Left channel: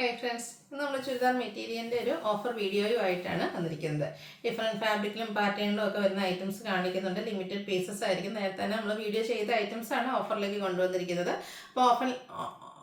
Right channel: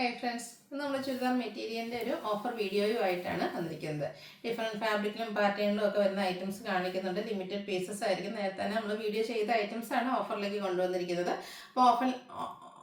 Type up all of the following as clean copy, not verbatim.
Hi friends, നമ്മൾ ചുരിദാർ മെറ്റീരിയലിൻ്റെ ഒരു ഓഫർ വീഡിയോയുമായിട്ടാണ് വന്നിരിക്കുന്നത്. ഡിഫറെൻറ്റ് ഫാബ്രിക്കിലും പാറ്റേണിലും ഒക്കെ വരുന്ന ഐറ്റംസ് കാണിക്കുന്നുണ്ട്. ലിമിറ്റഡ് പീസസ് ആയിരിക്കും. നേരത്തെ തന്നെ നമ്മൾ വീഡിയോ ചെയ്ത ഐറ്റംസ് ആണ് ഓഫറിലേക്ക് കൊണ്ടുവന്നിരിക്കുന്നത്. അപ്പോൾ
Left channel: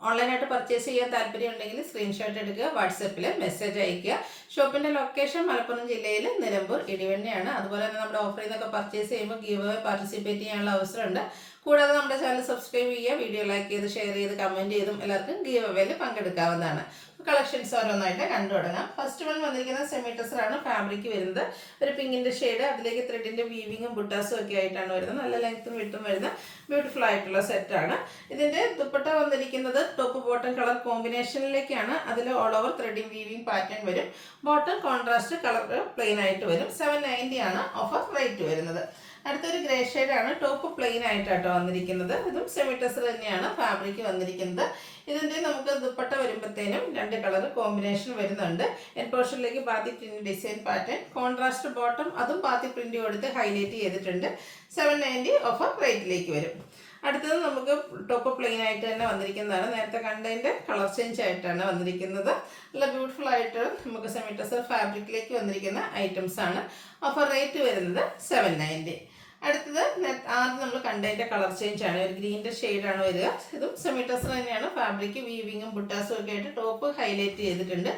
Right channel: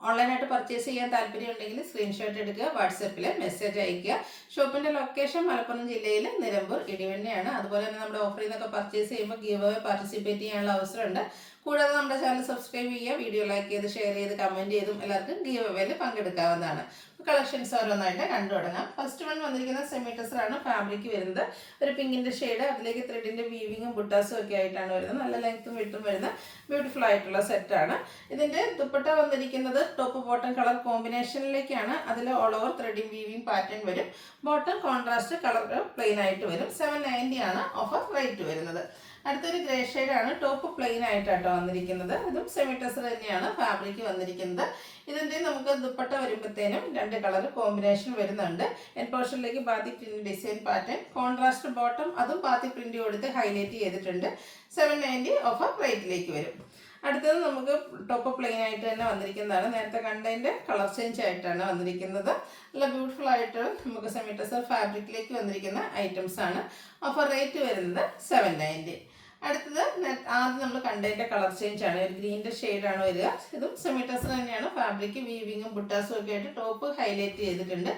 ഓൺലൈനായിട്ട് പർച്ചേസ് ചെയ്യാൻ താല്പര്യം ഉണ്ടെങ്കിൽ സ്ക്രീൻഷോട്ട് എടുക്കുക, വാട്സപ്പിൽ മെസ്സേജ് അയയ്ക്കുക. ഷോപ്പിൻ്റെ ലൊക്കേഷൻ മലപ്പുറം ജില്ലയിൽ നിലമ്പൂർ ഇടിവണ്ണയാണ്. അതുപോലെ തന്നെ നമ്മുടെ ഓഫറിൽ നിന്നൊക്കെ പർച്ചേസ് ചെയ്യുമ്പോൾ ഗീവ് അവേ പാർട്ടിസിപ്പേറ്റ് ചെയ്യാനുള്ള അവസരമുണ്ട്. കൂടാതെ നമ്മുടെ ചാനൽ സബ്സ്ക്രൈബ് ചെയ്യുക, വീഡിയോ ലൈക്ക് ചെയ്ത് ഷെയർ ചെയ്ത് കമൻറ്റ് ചെയ്തും എല്ലാവർക്കും ഗീവ് അവേയിൽ പങ്കെടുക്കാവുന്നതാണ്. കളക്ഷൻസ് ഓരോന്നായിട്ട് കണ്ടു തുടങ്ങാം. ഫസ്റ്റ് വൺ വന്നിരിക്കുന്നത് സെമി ടെസറാണ്. ഫാബ്രിക് വരുന്നത് ഒരു പിങ്കിൻ്റെ ഷെയ്ഡ്, അതിലേക്ക് ത്രെഡിൻ്റെ വീവിങ്ങും ബുട്ടാസും ഒക്കെ ആയിട്ടാണ് വരുന്നത്. നല്ല ലെങ്ത്തും വിട്ടും വരുന്ന ബ്യൂട്ടിഫുൾ ആയിട്ടുള്ള സെറ്റാണ്. ഇതിൻ്റെ ദുപ്പട്ട വന്നിരിക്കുന്നത് ടോപ്പ് ബോട്ടം കളർ കോമ്പിനേഷനിലേക്കാണ്. അതിൽ all over threading weaving pattern വരും. ബോട്ടം കോൺട്രാസ്റ്റ് കളർ പ്ലെയിൻ ആയിട്ട് വരും. 790 ആണ് ഓഫർ റേറ്റ് വരുന്നത്. അടുത്തൊരു ഗ്രേ ഷെയ്ഡാണ്. ടോപ്പ് പ്ലെയിൻ ആയിട്ടാട്ടോ വന്നിരിക്കുന്നത്. ഇതും സെമി ടെസർ തന്നെയാണ് ഫാബ്രിക് വന്നിരിക്കുന്നത്. ഇതിൻ്റെ നമുക്ക് ദുപ്പട്ട വരുമ്പോഴത്തേനും രണ്ട് കളർ കോമ്പിനേഷൻ വരുന്നുണ്ട്. എൻ പോർഷനിലേക്ക് batik print design pattern, contrast bottom, അതും ബാത്തി പ്രിന്റ് കൊടുത്ത് ഹൈലൈറ്റ് ചെയ്തിട്ടുണ്ട്. 790 ഓഫർ റേറ്റിലേക്ക് വരും. അടുത്തത് നമുക്ക് ടോപ്പ് പ്ലെയിൻ ആയിട്ട് തന്നെ വന്നിരിക്കുന്നതാണ്. നേരത്തെ കണ്ടതിൻ്റെ കളർ ചേഞ്ച് ആയിട്ടാണ് വന്നിരിക്കുന്നത്. നല്ല ബ്യൂട്ടിഫുൾ ആയിട്ട് നമുക്ക് സെമി ടെസർ ഫാബ്രിക്കിലേക്ക് വന്നിരിക്കുന്ന ഐറ്റംസ് ആണ്. ഓഫർ റേറ്റ് വരുന്നത് 790. അടുത്തത് ആദ്യം നമ്മൾ കണ്ടതിൻ്റെ കളർ ചേഞ്ച് ആണ്. ഒരു ഗ്രീൻ്റെ ഷെയ്ഡാണ് വരിക. ഇതും സെമി ടെസർ തന്നെയാണ്. ഫാബ്രിക് വീവിങ്ങും ബുട്ടാസും ഒക്കെ ആയിട്ട് ടോപ്പ് ഹൈലൈറ്റ് ചെയ്തിട്ടുണ്ട്.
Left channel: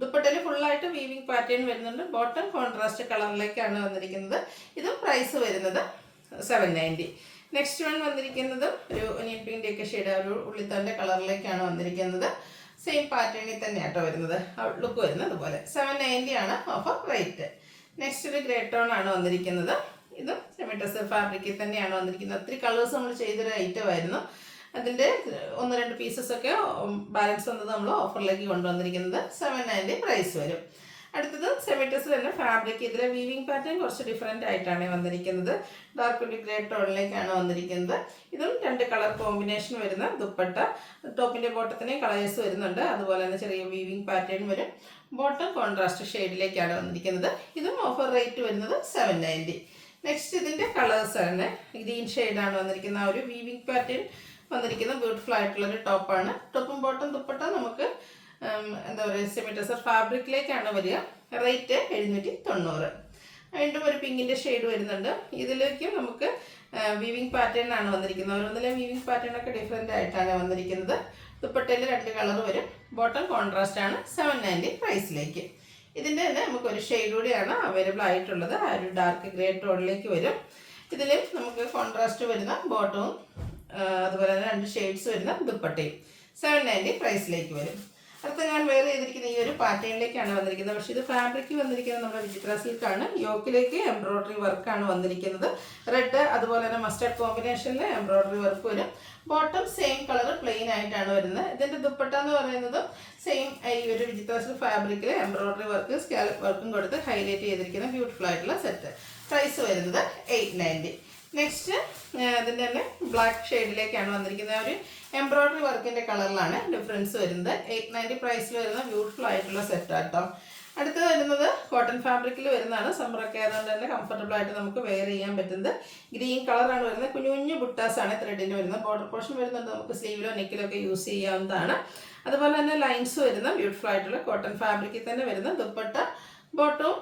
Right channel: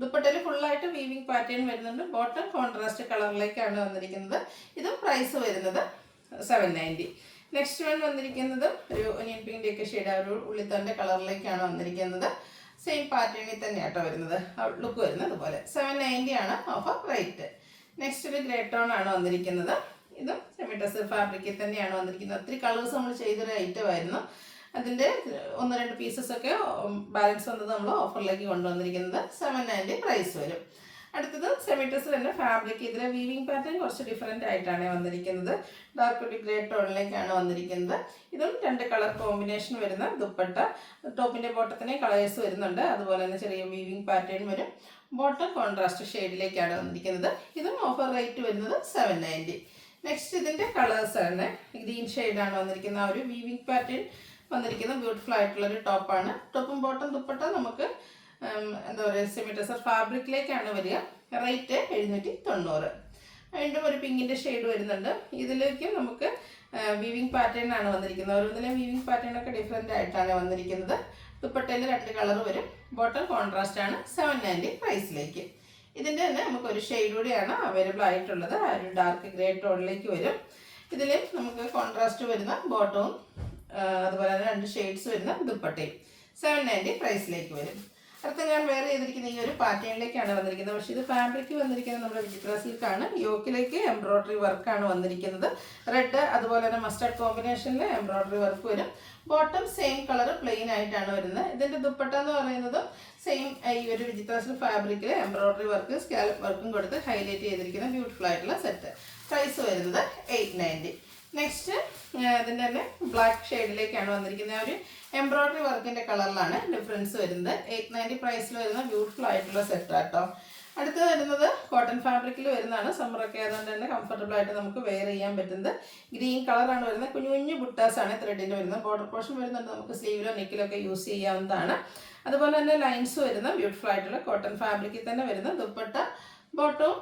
ദുപ്പട്ടയിൽ ഫുള്ളായിട്ട് വീവിങ് പാറ്റേൺ വരുന്നുണ്ട്. ബോട്ടം കോൺട്രാസ്റ്റ് കളറിലേക്കാണ് വന്നിരിക്കുന്നത്. ഇതും പ്രൈസ് വരുന്നത് 790. നെക്സ്റ്റ് വൺ വന്നിരിക്കുന്നത് ഒരു ഒനിയൻ പിങ്കിൻ്റെയൊക്കെ ഷെയ്ഡ്, ഒരു ഉള്ളിത്തൻ്റെ കളറിലേക്കാണ് വന്നിരിക്കുന്നത്. സെയിം പാറ്റേണിൽ തന്നെയാട്ടോ വരുന്നത്. ഔട്ട്ലുക്ക് വരുന്നത് അതുപോലെ. 790 ആണ് ഓഫർ റേറ്റ്. നെക്സ്റ്റ് ഒരു ഗ്രേ ടോൺ ആണ് വന്നിരിക്കുന്നത്. ഇതും സെമി ടെസർ ഫാബ്രിക്കിൽ തന്നെയാണ് വന്നിരിക്കുന്നത്. ഒത്തിരി കളേഴ്സ് നമ്മൾ ചെയ്തൊരു ഐറ്റം ആയിരുന്നു. അതിൻ്റെ 1-2 പീസസൊക്കെ ബാലൻസ് വന്നത് നമ്മൾ ഓഫറിലേക്ക് കൊണ്ടുവന്നിരിക്കുന്നത്. 790 പ്രൈസ് വരും. അടുത്തത് സെമി ടെസർ തന്നെ ഫാബ്രിക്. ഇതിലെ വീവിങ് പാറ്റേൺ കുറച്ച് ഡിഫറെൻ്റ് ആയിട്ടാണ് വന്നിരിക്കുന്നത്. ഡാർക്ക് ഒരു ഗ്രേ ടോണിലേക്കാണ് വന്നിരിക്കുന്നത്. ഇതും രണ്ട് കളർ കോമ്പിനേഷൻ വരുന്ന ദുപ്പട്ട. ടോപ്പിൻ്റെ ബോട്ടത്തിനെയും കളേഴ്സ് വരുന്നുണ്ട്. അതുപോലെ തന്നെ ചെറിയ വീവിങ് പാറ്റേൺ വരും. ബോട്ടം കോൺട്രാസ്റ്റ് ഷെയ്ഡിലേക്കാണ് വന്നിരിക്കുന്നത്. ഇതും ഓഫർ റേറ്റ് വരുന്നത് 790. നെക്സ്റ്റ് ഇതിൻ്റെ കളേഴ്സ് ആണ്. ഗ്രീൻ ഷെയ്ഡാണ് വന്നിരിക്കുന്നത്. ആ ഒരു വീവിങ് പാറ്റേൺ വന്നിരിക്കുന്ന ബ്യൂട്ടിഫുൾ ആയിട്ടുള്ളൊരു ടോപ്പാണ്. ടോപ്പും ബോട്ടം ദുപ്പട്ട നമുക്ക് എന്താ പറയുക സെമി ടെസർ ഫാബ്രിക്കിലേക്കാണ് വരിക. റേറ്റ് 790. വീണ്ടും ഒരു പിങ്കിൻ്റെ ഷെയ്ഡ് വരുന്നുണ്ട്. ഇതിലേക്ക് നമുക്ക് വീവിങ് പാറ്റേൺ ആണ് വന്നിരിക്കുന്നത്. ഓരോന്നിലെ വീവിങ് പാറ്റേൺ ഒക്കെ ഡിഫറെൻ്റ് ആയിട്ടാണ് വന്നിരിക്കുന്നത്. ദുപ്പട്ടയിൽ രണ്ട് കളർ വരും. ബോട്ടം കോൺട്രാസ്റ്റ് ആണ്. 790 പ്രൈസിലേക്ക്. ഇതിൻ്റെ തന്നെ നമുക്കൊരു ഷെയ്ഡ് കൂടിയാണ് അവൈലബിൾ ആയിട്ടുള്ളത്. ആ ഒരു ഡാർക്ക് ഗ്രേ ടോണിലേക്ക് വരും. ഇതിൽ നമുക്ക് കോൺട്രാസ്റ്റ് വരുന്ന ബോട്ടവും അതുപോലെ തന്നെ രണ്ട് ഷെയ്ഡ്സ് വരുന്ന ദുപ്പട്ടയും 790 പ്രൈസിലേക്ക് വരും. അടുത്ത ഞാൻ വെയർ ചെയ്തിരിക്കുന്ന ഈ ഒരു പാറ്റേണിലേക്കാണ് വന്നിരിക്കുന്നത്. പക്ഷേ ഇത് ഫാബ്രിക് വന്നിരിക്കുന്നത് നമ്മുടെ വിചിത്ര സിൽക്കാണ്. യോക്കിലേക്ക് എംബ്രോയ്ഡറി വർക്കാണ് വന്നിരിക്കുന്നത്. റെഡ് അതുപോലെ തന്നെ മസ്റ്റർഡ് കോമ്പിനേഷനിൽ എംബ്രോയ്ഡറി വർക്ക് വരും. ബോട്ടം സെയിം കളർ പ്ലെയിൻ ആയിട്ടാണ് വരുന്നത്. ഇതിൻ്റെ ദുപ്പട്ട എന്ന് പറയുന്നത് സെയിം ഈ ഒരു വിചിത്ര സിൽക്ക് ഫാബ്രിക്കിൽ എംബ്രോയ്ഡറി വർക്ക് സ്കാലപ്പ് വർക്കും കൊടുത്ത് ഹൈലൈറ്റ് ചെയ്തിരിക്കുന്ന ബ്യൂട്ടിഫുൾ ആയിട്ടുള്ള സെറ്റ്. പ്രൈസ് വരുന്നത് 890. നെക്സ്റ്റ് ഇതിൻ്റെ തന്നെ ബ്ലാക്ക് ഷെയ്ഡിലേക്കാണ് വന്നിരിക്കുന്നത്. ഒരു എംബ്രോയ്ഡറി വർക്കിൻ്റെ കളറിലാണ് ഡിഫറൻസ് വരുന്നത്. 890 പ്രൈസിൽ വരുന്ന ബ്യൂട്ടിഫുൾ ആയിട്ടുള്ള സെറ്റാട്ടോ. അടുത്ത് വരുന്നത് കോട്ടൺ ഫാബ്രിക്കിൽ വരുന്നതാണ്. സമ്മറൊക്കെ ആയതുകൊണ്ട് തന്നെ കംഫർട്ടബിൾ ആയിട്ട് നമുക്ക് വെയർ ചെയ്യാൻ പറ്റുന്നത്. ഗ്രീൻ കളറാണ് വരുന്നത്. കുഞ്ഞു കുഞ്ഞു ബുട്ടാസാണ് ത്രെഡിന് വരുന്നത്. ബോർഡർ പോർഷൻ വരുന്നുണ്ട്. നമുക്ക് സ്ലീവിലോ നെക്കിലോ ഒക്കെ യൂസ് ചെയ്യാവുന്നതാണ്. അതുപോലെ തന്നെ ലൈൻസ് വരുന്ന ബ്യൂട്ടിഫുൾ ആയിട്ടുള്ള കോട്ടൺ ഫാബ്രിക്കിൽ തന്നെ വരുന്ന ദുപ്പട്ട ബോട്ടവും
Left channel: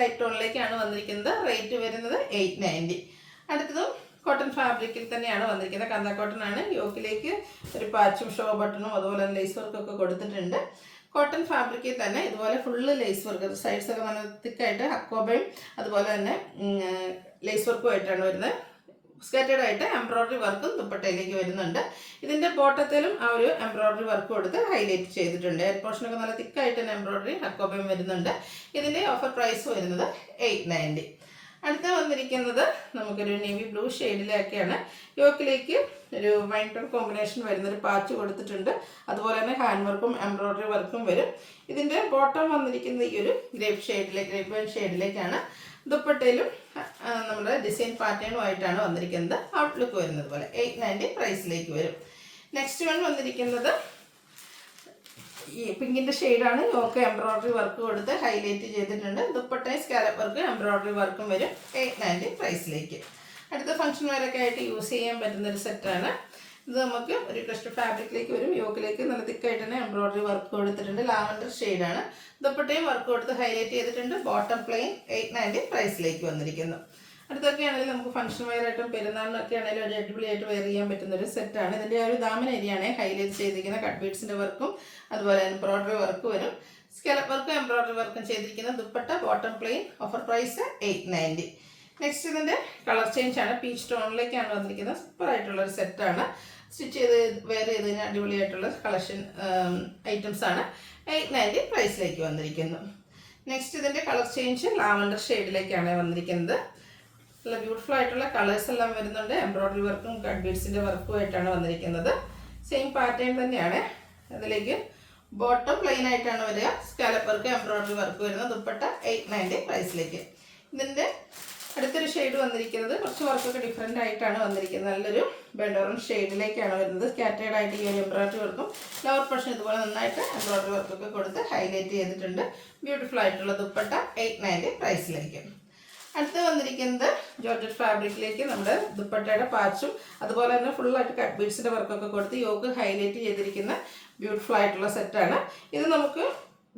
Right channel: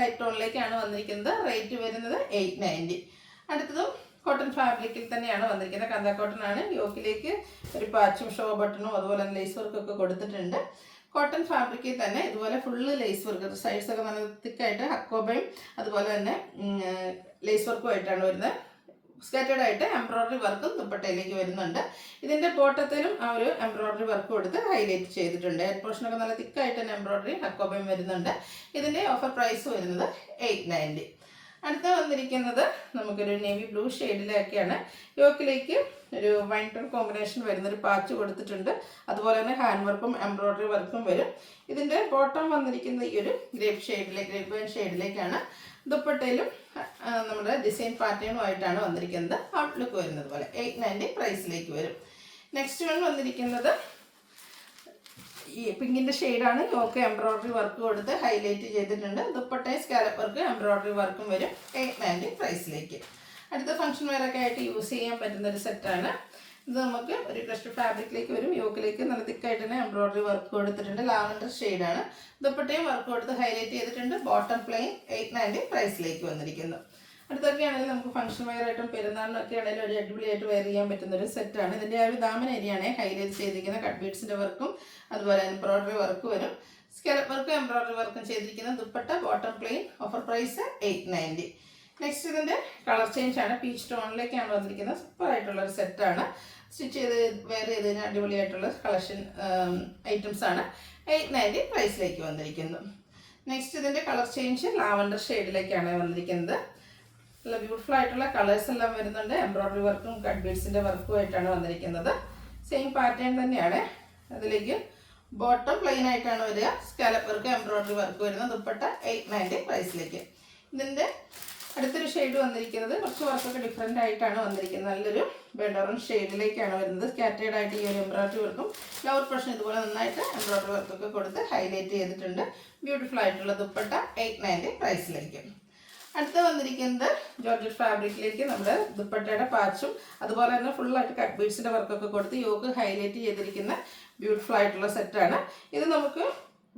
ലൈറ്റ് ടോണിലേക്കാണ് വന്നിരിക്കുന്നത്. റേറ്റ് വരുന്നത് 890. അടുത്തതും കോട്ടൺ ഫാബ്രിക്കിൽ തന്നെയാണ് വന്നിരിക്കുന്നത്. കന്ത കോട്ടൺ ആണ്. യോക്കിലേക്ക് ഒരു പാച്ചും ഷോ ബട്ടണും അതുപോലെ തന്നെ ലേസ് വർക്കൊക്കെ കൊടുത്തിട്ടുണ്ട്. കോട്ടൺ ഫാബ്രിക്കിൽ തന്നെ ഇതുപോലെ ഫുള്ള് ലേസ് വർക്ക്, സൈഡ്സൊക്കെ നല്ല തിക്കായിട്ട് ഹക്കോബയും അതുപോലെ തന്നെ ലേസ് വർക്കും ആയിട്ടാണ് വരുന്നത്. സ്കേറ്റഡ് ആയിട്ട് എംബ്രോയ്ഡറി വർക്കും ദുപ്പട്ടയിലേക്ക് വരുന്നുണ്ട്. ഇതിൻ്റെ ബോട്ടത്തിലും ആ ഒരു എംബ്രോയ്ഡറി വർക്ക് കൊടുത്ത് ഹൈലൈറ്റ് ചെയ്തിട്ടുണ്ട്. ഹെഡ് പോർഷനൊക്കെ നല്ല തിക്കായിട്ട് തന്നെ എംബ്രോയ്ഡറി ഹക്കോബയും വരുന്നുണ്ട്. ഇതിൻ്റെ ഓഫർ പ്രൈസ് വരുന്നത് 890. അടുത്ത വന്നിരിക്കുന്നത് നമുക്കൊരു നേവി ബ്ലൂ ഷെയ്ഡിലൊക്കെയാണ്. യോക്കിലേക്ക് ഒരു വൈൻ ടോൺ കോമ്പിനേഷൻ വരുന്നൊരു പാച്ച് കൊടുത്തിട്ടുണ്ട്. അതുപോലെ തന്നെ ഹാൻഡ് വർക്കും എംബ്രോയ്ഡറി വർക്കും വരും. ഇതിൻ്റെ ബോട്ടം വന്നിരിക്കുന്നത് ഈ ഒരു ഗ്രേപ്പ് വൈൻ ഷെയ്ഡിലേക്കാണ്. ദുപ്പട്ടയിലും നമ്മുടെ ഡിസൈൻ പാറ്റേണുമായിട്ടാണ് വന്നിരിക്കുന്നത്. ഔട്ട്ലുക്ക് വരുന്നത് പോലെ 890 പ്രൈസിലേക്ക് വരും. നെക്സ്റ്റ് വൺ വന്നിരിക്കുന്നത് ഈ പിങ്കിൻ്റെ ഷെയ്ഡാണ്. യോക്ക് എംബ്രോയ്ഡറി വർക്ക് കൊടുത്ത് ഹൈലൈറ്റ് ചെയ്തിട്ടുണ്ട്. ദുപ്പട്ടയും സ്കാലപ്പ് വർക്ക് എംബ്രോയ്ഡറി വർക്കും വരും. 890 പ്രൈസിലേക്ക്. അടുത്ത ഫംഗ്ഷൻ വെയറൊക്കെ ആയിട്ട് യൂസ് ചെയ്യാൻ പറ്റുന്നൊരു സെറ്റാണ്. ഇത് നമുക്ക് ഒരു ക്രഷ്ഡ് ഫാബ്രിക്കിലേക്ക് വരും. യോക്കിലേക്ക് നല്ല തിക്കായിട്ട് തന്നെ എംബ്രോയിഡറി വർക്ക് കൊടുത്തിട്ടുണ്ട്. ലാവൻഡർ ഷെയ്ഡാണ്. ദുപ്പട്ടയും വർക്ക് കൊടുത്ത് ഹൈലൈറ്റ് ചെയ്തിട്ടുണ്ട്. ബോട്ടം പ്ലെയിൻ 890 പ്രൈസിലേക്ക് വന്നിരിക്കുന്നു. അടുത്തൊക്കെ ആണെങ്കിലും നമുക്ക് ഫംഗ്ഷൻ വെയർ ആയിട്ടും പെരുന്നാളിനൊക്കെ ആണെങ്കിലും ഒരു അടിപൊളിയായിട്ട് വെയർ ചെയ്യാൻ പറ്റുന്ന ഒരു സെറ്റാണ്. ഇതിൻ്റെ ആ ഒരു ദാമൻ ഏരിയയാണ് ഹൈലൈറ്റ് ചെയ്തിരിക്കുന്ന കട്ട് ബീഡ്സിൻ്റെ വർക്കും അതുപോലെ എംബ്രോയിഡറി വർക്ക് വരും. സ്കാലപ്പ് വർക്കും എംബ്രോയിഡറി വർക്കും ചെയ്തിരിക്കുന്ന dupatta bottom plain. Offer price 890. Next ഇതിൻ്റെ കളർ ചേഞ്ച് ആണ്. പീച്ച് ടോണിലേക്കാണ് വന്നിരിക്കുന്നത്. സൂപ്പർ ആയിട്ടുള്ള ഒരു സെറ്റാണ്. സ്റ്റിച്ച് ചെയ്ത് വെയർ ചെയ്തതിന് അടിപൊളിയായിട്ടുള്ള കളക്ഷൻ ഐറ്റംസ് ആണ്. 890 പ്രൈസിലേക്ക് വന്നിരിക്കുന്നു. നെക്സ്റ്റ് ഇതിൻ്റെ കളർ ചേഞ്ച് ലാവൻഡർ ഷെയ്ഡിലേക്കാണ് വന്നിരിക്കുന്നത്. നല്ല ബ്യൂട്ടിഫുൾ ആയിട്ടുള്ള കളേഴ്സ് എല്ലാം വരുന്നുണ്ട്. എംബ്രോയിഡറി വർക്കും കട്ട് ബീഡ്സിൻ്റെ വർക്കും ആയിട്ടാണ് വന്നിരിക്കുന്നത്. സെയിം പാറ്റേൺ തന്നെയാണ്. അതിലേക്ക് ബോട്ടം പ്ലെയിൻ ആയിട്ടാണ് വരിക. സ്കാലപ്പ് വർക്ക് എംബ്രോയിഡറി വർക്ക് വരുന്നത്. ദുപ്പട്ട 890 പ്രൈസിലേക്ക്. ഇതിൻ്റെ അടുത്തൊരു ഷെയ്ഡ് വന്നിരിക്കുന്നത് കുറച്ച് വർക്കൊക്കെ ഡിഫറെൻ്റ് ആയിട്ടാണ് വന്നിരിക്കുന്നത്. നല്ലൊരു ബെഡ് ഓറഞ്ച് ഷെയ്ഡിലേക്കാണ് വരുന്നത്. സ്കാറ്റേഡ് ആയിട്ട് ഈ ഒരു എംബ്രോയിഡറി വർക്കും ലോവർ പോർഷൻ ഇതുപോലെ നന്നായിട്ട് എംബ്രോയിഡറി വർക്കൊക്കെ കൊടുത്ത് ഹൈലൈറ്റ് ചെയ്തിട്ടുണ്ട്. ബ്യൂട്ടിഫുൾ ആയിട്ടുള്ള ദുപ്പട്ട 890 പ്രൈസിലേക്ക്. അടുത്ത് വന്നിരിക്കുന്നത് ജോർജറ്റ് ഫാബ്രിക്കിലേക്ക് നമ്മുടെ ദുപ്പട്ടയുടെ പാച്ചും അതുപോലെ തന്നെ ഫുള്ളായിട്ട് കട്ട് ബീഡ്സിൻ്റെ വർക്കൊക്കെ കൊടുത്ത് യോക്ക് ഹൈലൈറ്റ് ചെയ്തിരിക്കുന്ന ബ്യൂട്ടിഫുൾ ആയിട്ടുള്ള സെറ്റാണ്. ഇത് നമുക്ക്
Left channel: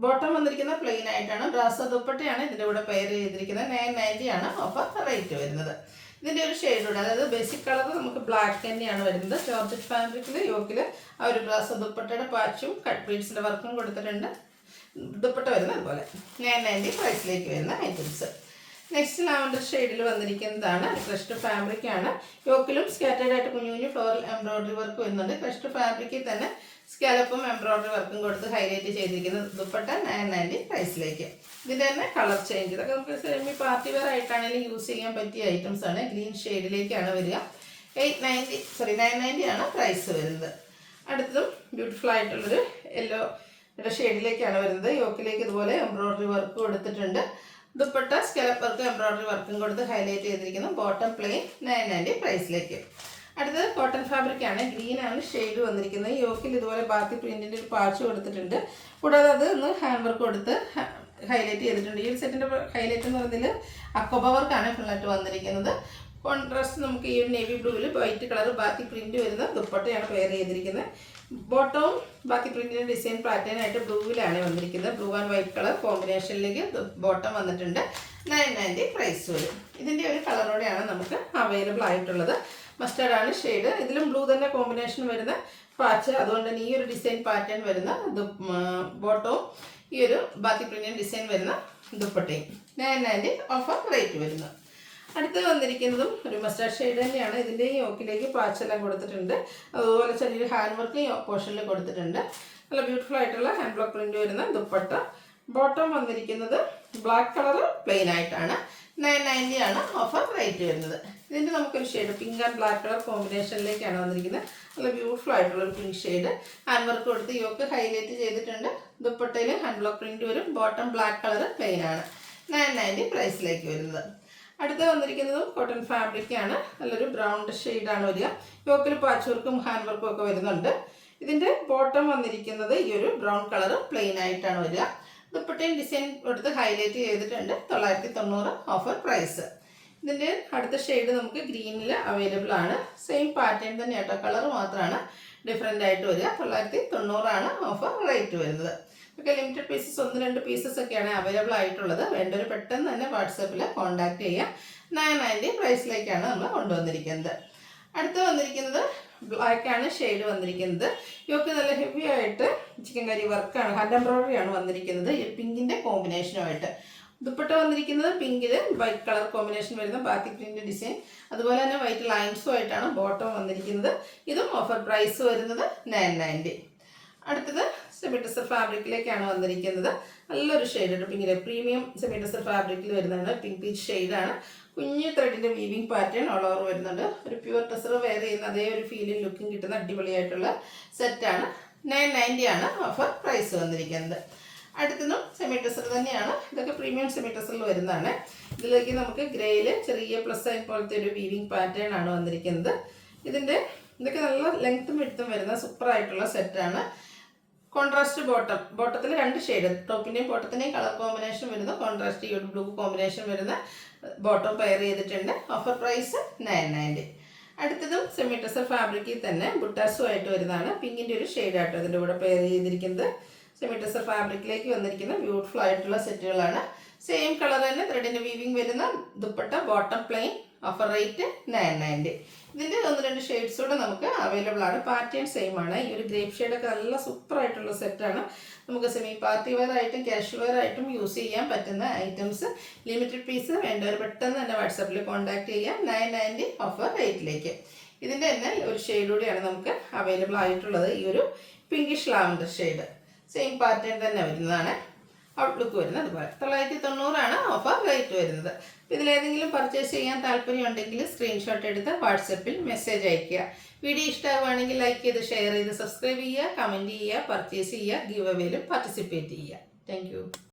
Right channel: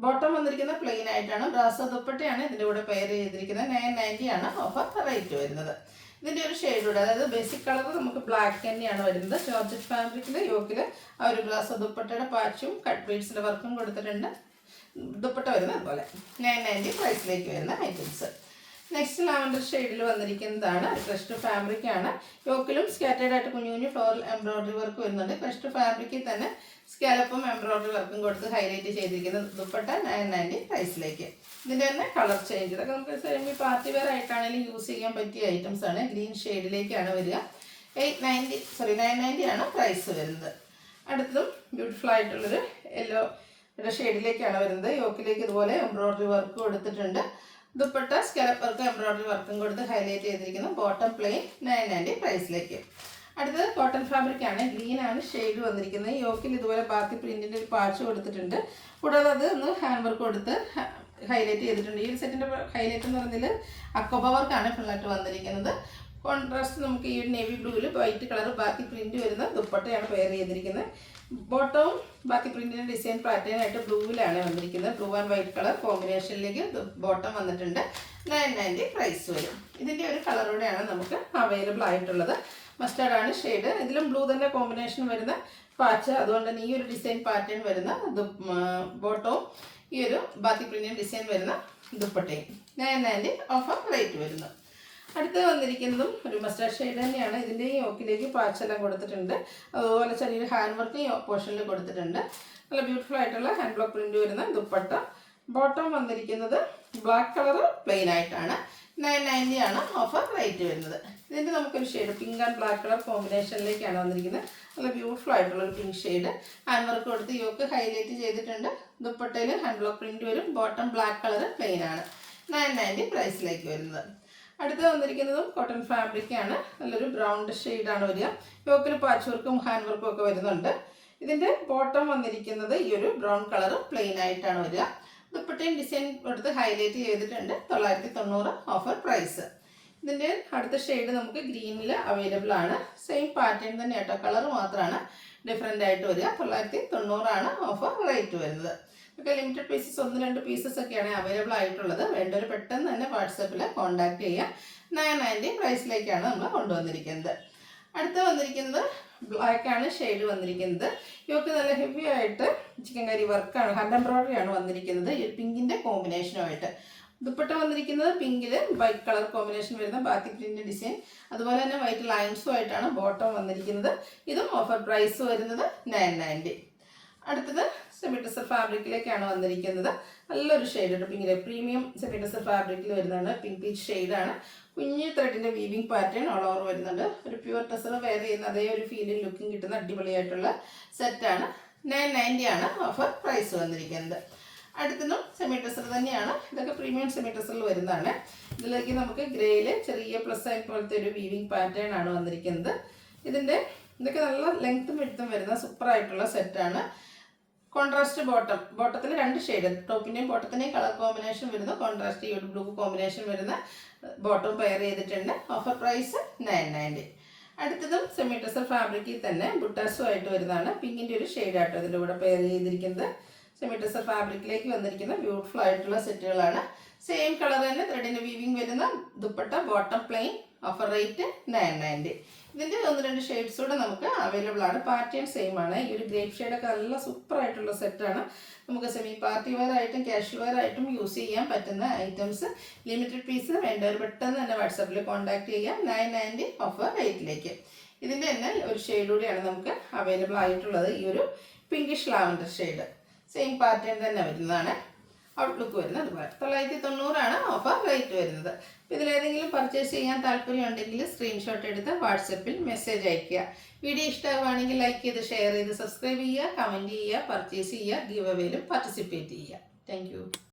ബോട്ടം വന്നിരിക്കുന്ന പ്ലെയിൻ ആയിട്ടാണ്. ബ്രാസോ ദുപ്പട്ടയാണ് ഇതിൻ്റെ കൂടെ പെയർ ചെയ്തിരിക്കുന്നത്. 990 ആണ് ഓഫർ റേറ്റ് വരുന്നത്. ഇതിൻ്റെ ഒരു ഷെയ്ഡൂടെ, അതായത് ബേസിക് കളർ നമുക്ക് ബ്ലാക്ക് തന്നെയാണ് വരുന്നത്. ജോർജറ്റ് ഫാബ്രിക്കിൽ യോക്കിൽ ആ ഒരു ബ്രാസോ ദുപ്പട്ടയുടെ പാച്ചും കട്ട് ബീഡ്സിൻ്റെ വർക്കും കൊടുത്തിട്ടുണ്ട്. ദുപ്പട്ട വരുന്നത് അതുപോലെ 990 പ്രൈസിലേക്ക് വരുന്ന ഐറ്റംസ്. നെക്സ്റ്റ് ലാവൻഡർ ഷെയ്ഡിൽ വന്നിരിക്കുന്നതാണ്. ക്രഷ്ഡ് ഫാബ്രിക് ആണ്. യോക്കിലും സ്കാറ്റേഡ് ആയിട്ട് കുഞ്ഞു കുഞ്ഞു ഫ്ലോറൽ എംബ്രോയിഡറി വർക്ക് വരുന്നുണ്ട്. ക്രഷ്ഡ് ഫാബ്രിക്കിൽ തന്നെ സ്കാലപ്പും എംബ്രോയിഡറി വർക്കും കൊടുത്ത് ഹൈലൈറ്റ് ചെയ്തിരിക്കുന്ന ദുപ്പട്ട 990 പ്രൈസിലേക്ക്. ഇതിൻ്റെ തന്നെ കളർ ചേഞ്ച്, ഇതൊക്കെ നമുക്ക് സെമി പാർട്ടി വെയർ ആയിട്ടാണെങ്കിലും യൂസ് ചെയ്യാൻ പറ്റിയ ഐറ്റംസ് ആണ്. ഗ്രീൻ ഷെയ്ഡിലേക്കാണ് വരിക. 990 ആണ് പ്രൈസ് വരുന്നത്. അടുത്തതും ബ്യൂട്ടിഫുൾ ആയിട്ടുള്ളൊരു യെല്ലോ ഷെയ്ഡിലേക്കാണ് വരുന്നത്. യോക്കിലേക്ക് ഇതുപോലെ എംബ്രോയിഡറി വർക്ക് കൊടുത്തിട്ടുണ്ട്. ദുപ്പട്ട സ്കാലപ്പ് വർക്കും എംബ്രോയിഡറി വർക്കും കൊടുത്ത് ഹൈലൈറ്റ് ചെയ്തിരിക്കുന്നു. ബോട്ടം പ്ലെയിൻ 990 പ്രൈസിലേക്ക്. അടുത്തത് കോട്ടൺ ഫാബ്രിക് ആണ്. ഗ്രീൻ ആണ് ഷെയ്ഡ് വന്നിരിക്കുന്നത്. യോക്കിൽ ഇതുപോലെ ബാത്തി പ്രിന്റിൻ്റെ ഒരു പാച്ച് കൊടുത്തിട്ടുണ്ട്. കൂടാതെ അത് ഒന്ന് ഹാൻഡ് വർക്ക് കൊടുത്ത് ഹൈലൈറ്റ് ചെയ്തിട്ടുണ്ട്. ഈ ഒരു സെറ്റിൻ്റെ ഹൈലൈറ്റ് എന്ന് പറയുന്നതിൽ അക്കോബ വർക്കാണ് ഫുള്ളായിട്ട് വന്നിരിക്കുന്നത്. കോൺട്രാസ്റ്റ് നമുക്ക് ഈ ഒരു നേവി ബ്ലൂവിൽ വൈറ്റ് കളർ ബാത്തി പ്രിന്റ് വരുന്ന ദുപ്പട്ടയാണ് പെയർ ചെയ്തിരിക്കുന്നത്. ബോട്ടവും ബാത്തി പ്രിന്റിൻ്റെ ഡിസൈൻ പാറ്റേൺ ആയിട്ട് ബ്ലൂവിലാണ് വന്നിരിക്കുന്നത്. ബ്ലൂ ആൻഡ് വൈറ്റ് കളർ കോമ്പിനേഷനിലേക്ക് ബോട്ടം വന്നിട്ടുണ്ട്. 990 പ്രൈസ് വരും. ഇതിൻ്റെ ഒരു കളറോടെയാണ് നമുക്ക് അവൈലബിൾ ആയിട്ടുള്ളത്. മസ്റ്റേർഡ് ആണ് ഷെയ്ഡ്. ഇതിലും ബ്ലൂ തന്നെ കോമ്പിനേഷൻ വരുന്ന പാച്ച്, അതുകൊണ്ട് തന്നെ ഈ ഒരു ഡിസൈൻ പാറ്റേൺ വരുന്ന ബോട്ടവും ഈ ഒരു ബാത്തി പ്രിന്റിൻ്റെ ഡിസൈൻ വരുന്ന ദുപ്പട്ടയും 990 ഓഫർ റേറ്റ് വരുന്നു. അടുത്ത് വന്നിരിക്കുന്നതും ഒരു മസ്റ്റാർഡ് ഷെയ്ഡ് തന്നെയാണ്. ഇതിൻ്റെ യോക്കിലേക്ക് പാച്ചെല്ലാം കൊടുത്തിട്ടുണ്ട്. അതുപോലെ ചെറിയൊരു ഹാൻഡ് വർക്ക് പോർഷനിൽ കൊടുത്തിട്ടുണ്ട്. നല്ല ബ്യൂട്ടിഫുൾ ആയിട്ടുള്ള ഹാൻഡ് ബ്ലോക്ക് പ്രിന്റ് വരുന്ന ദുപ്പട്ട. ബോട്ടം വന്നിരിക്കുന്നത് ബ്ലാക്ക് കളർ പ്ലെയിൻ ആയിട്ടാണ്. 990 ആണ് ഓഫർ റേറ്റ് വരുന്നത്. ഇതിൻ്റെ നമുക്കൊരു shade pink and black colour കോമ്പിനേഷനിലേക്കാണ് വന്നിരിക്കുന്നത്. നല്ല ബ്യൂട്ടിഫുൾ ആയിട്ടുള്ള ഒരു പിങ്ക് ഷെയ്ഡ്. ഹാൻഡ് വർക്ക് കൊടുത്ത് യോക്ക് ഹൈലൈറ്റ് ചെയ്തിട്ടുണ്ട്. ദുപ്പട്ടയിൽ ഹാൻഡ് ബ്ലോക്ക് പ്രിന്റ് വരും. ബോട്ടം ബ്ലാക്ക് കളർ പ്ലെയിൻ ആണ്. 990 പ്രൈസിലേക്ക് വരുന്നത്. അടുത്ത് വന്നിരിക്കുന്നതും കോട്ടൺ ഫാബ്രിക് ആണ്. നല്ലൊരു ബ്രൗൺ ഷെയ്ഡാണ് വരിക. യോക്കിൽ പാച്ച് വർക്കും ഹാൻഡ് വർക്കും ഒക്കെ വരുന്നുണ്ട്. ഇതിൻ്റെ ബോട്ടം വന്നിരിക്കുന്നത് ഈ ഒരു ബ്രൗൺ കളർ പ്ലെയിൻ ആയിട്ടാണ് വരിക. ദുപ്പട്ടയും ഡിസൈൻ കൊടുത്ത് ഹൈലൈറ്റ് ചെയ്തിട്ടുണ്ട്. 990 ഓഫർ പ്രൈസ്. ഇതിൻ്റെ അടുത്ത ഷെയ്ഡ് നമുക്ക് ഗ്രീനിൽ അവൈലബിൾ ആണ്. സെയിം പാറ്റേൺ തന്നെ കേട്ടോ, കളർ മാത്രമാണ് ഡിഫറെൻ്റ് ആയിട്ട് വരിക. 990 ആണ് ഓഫർ റേറ്റ് വരുന്നത്. ഒക്കെ ലിമിറ്റഡ് പീസസ് 1-2 പീസസ് ഒക്കെയാണ് അവൈലബിൾ ആയിട്ടുള്ളത്. വേണ്ടവർ പെട്ടെന്ന് തന്നെ വാട്സാപ്പിൽ കോൺടാക്ട് ചെയ്യാം. 990 പ്രൈസിലേക്കാണ് നമ്മൾ കൊണ്ടുവന്നിരിക്കുന്നത്. അടുത്ത് വന്നിരിക്കുന്നത് ബ്ലാക്ക് ആണ് ഷെയ്ഡ് വന്നിരിക്കുന്നത്. ഇവർക്ക് നല്ല ഹെവി ആയിട്ട് ചിക്കൻ കറി വർക്കാണ്, ഹാൻഡ് എംബ്രോയിഡറി ആണ് വന്നിരിക്കുന്നത്. ഈ പിങ്കിൻ്റെ കോമ്പിനേഷനുമായിട്ട് ദുപ്പട്ട വന്നിരിക്കുന്നത് പിങ്കിൽ വൈറ്റ് കളർ കോമ്പിനേഷൻ വരുന്ന ബാക്കി പ്രിന്റ് ഡിസൈൻ, അതുപോലെ തന്നെ വൈറ്റ് ലൈൻസും ആയിട്ടാണ് ബോട്ടം വന്നിരിക്കുന്നത്. ഇതും ഓഫർ പ്രൈസ് വരുന്നത് 990. അടുത്തത് സെമി ടെസർ ഫാബ്രിക്കിലേക്കാണ് വന്നിരിക്കുന്നത്. നല്ലൊരു ഷെയ്ഡ് പിങ്കിലെ പ്രീമിയം സെമി ടെസർ ഫാബ്രിക്കിൽ വരുന്നതാണ്. പിങ്ക് പീച്ച് ഷെയ്ഡാണ്. കുഞ്ഞു ത്രെഡിൻ്റെ വീവിങ് പാറ്റേൺ ഓൾ ഓവർ വരുന്നുണ്ട്. ഒരു പ്യുവർ ടെസർ വെയർ ചെയ്യുന്ന അതേ ഒരു ഫീലിംഗ് ലുക്കിംഗ് കിട്ടുന്ന അടിപൊളിയായിട്ടുള്ള സെറ്റാണ്. 990 ആണ് ഓഫർ പ്രൈസ് വന്നിരിക്കുന്നത്. അടുത്തതും സെമി ടെസർ തന്നെയാണ്. ഇതൊക്കെ പ്രീമിയം സെമി ടെസറിൽ വരുന്നതാണ്. ഇതിലേക്ക് നമുക്ക് ഗ്രേയിൽ ചെറിയ പ്ലസ് സൈൻ പോലത്തെ ഒരു വീവിങ് പാറ്റേൺ ആണ് വന്നിരിക്കുന്നത്. ഇതൊക്കെ നല്ല ലെങ്ത്തും വിഡ്ത്തും വരുന്ന സൂപ്പറായിട്ടുള്ള സെറ്റാണ്. കോൺട്രാസ്റ്റ് ബോട്ടത്തിൽ 2 ഷെയ്ഡ്, ടോപ്പിൻ്റെയും ബോട്ടത്തിൻ്റെയും കളർ കോമ്പിനേഷൻ വരുന്ന കോൺട്രാസ്റ്റ് ബ്ലൂ കോമ്പിനേഷൻ വരുന്ന ബോട്ടം പെയർ ചെയ്തിട്ടുണ്ട്. Offer price 990. അടുത്തതും സെമി ടെസർ ഫാബ്രിക്കിൽ തന്നെ ബുട്ടാസുമായിട്ട് വരുന്നതാണ്. പിങ്കിൻ്റെ ഒരു ഷെയ്ഡാട്ടോ ഇതിൻ്റെ കൂടെ പെയർ ചെയ്തിരിക്കുന്നത്. സെമി ടെസർ ഫാബ്രിക്കിലേക്ക് വന്നിരിക്കുന്ന ബ്യൂട്ടിഫുൾ ആയിട്ടുള്ള സെറ്റുകളാണ്. സെയിം കളർ തന്നെ ത്രെഡിൻ്റെ വീവിങ് വരുന്ന dupatta, bottom plain, offer rate 990. ഇതിൻ്റെ 1-2 ഷെയ്ഡ്സ് കൂടെ നമുക്ക് അവൈലബിൾ ആണ്. പാറ്റേൺ സെയിം ആണ്. ഈ ഒരു ഗ്രേപ്പ് ഷെയ്ഡൊക്കെ നല്ല സൂപ്പർ ആയിട്ടുള്ള സെറ്റാണ്. നമുക്ക് സെമി പാർട്ടി വെയർ ആയിട്ടും കാഷ്വൽ വെയർ ആയിട്ടും യൂസ് ചെയ്യാൻ പറ്റുന്ന ഐറ്റംസ്. ലിമിറ്റഡ് പീസ് വേണ്ടവർ പെട്ടെന്ന് തന്നെ വാട്സാപ്പിൽ കോൺടാക്ട് ചെയ്യാം. 990 ഓഫർ റേറ്റിലേക്ക്. ഇതിൻ്റെ തന്നെ ഒരു ഷെയ്ഡ് കൂടിയാണ് നമുക്ക് അവൈലബിൾ ആയിട്ടുള്ളത്. ഈ ഒരു pinkish lavender shade same pattern തന്നെ വരുന്നതാണ്. ഔട്ട്ലുക്ക് വരുന്നത് അതുപോലെ 990 ഓഫർ റേറ്റ് വരുന്നത്. ഇതിലേതെങ്കിലും പർച്ചേസ് ചെയ്യാൻ താല്പര്യമുണ്ടെങ്കിൽ സ്ക്രീൻഷോട്ട് എടുത്ത് വാട്സപ്പിൽ മെസ്സേജ് അയയ്ക്കുക. വീഡിയോ ഇഷ്ടമാവുകയാണെങ്കിൽ ലൈക്ക് ചെയ്ത്, ഷെയർ ചെയ്ത്, സബ്സ്ക്രൈബ് ചെയ്യുക, കമൻറ്റ് ചെയ്യുക, പർച്ചേസ് ചെയ്യുക, ഗിവ് അവേയിലും പാർട്ടിസിപ്പേറ്റ് ചെയ്യുക. താങ്ക്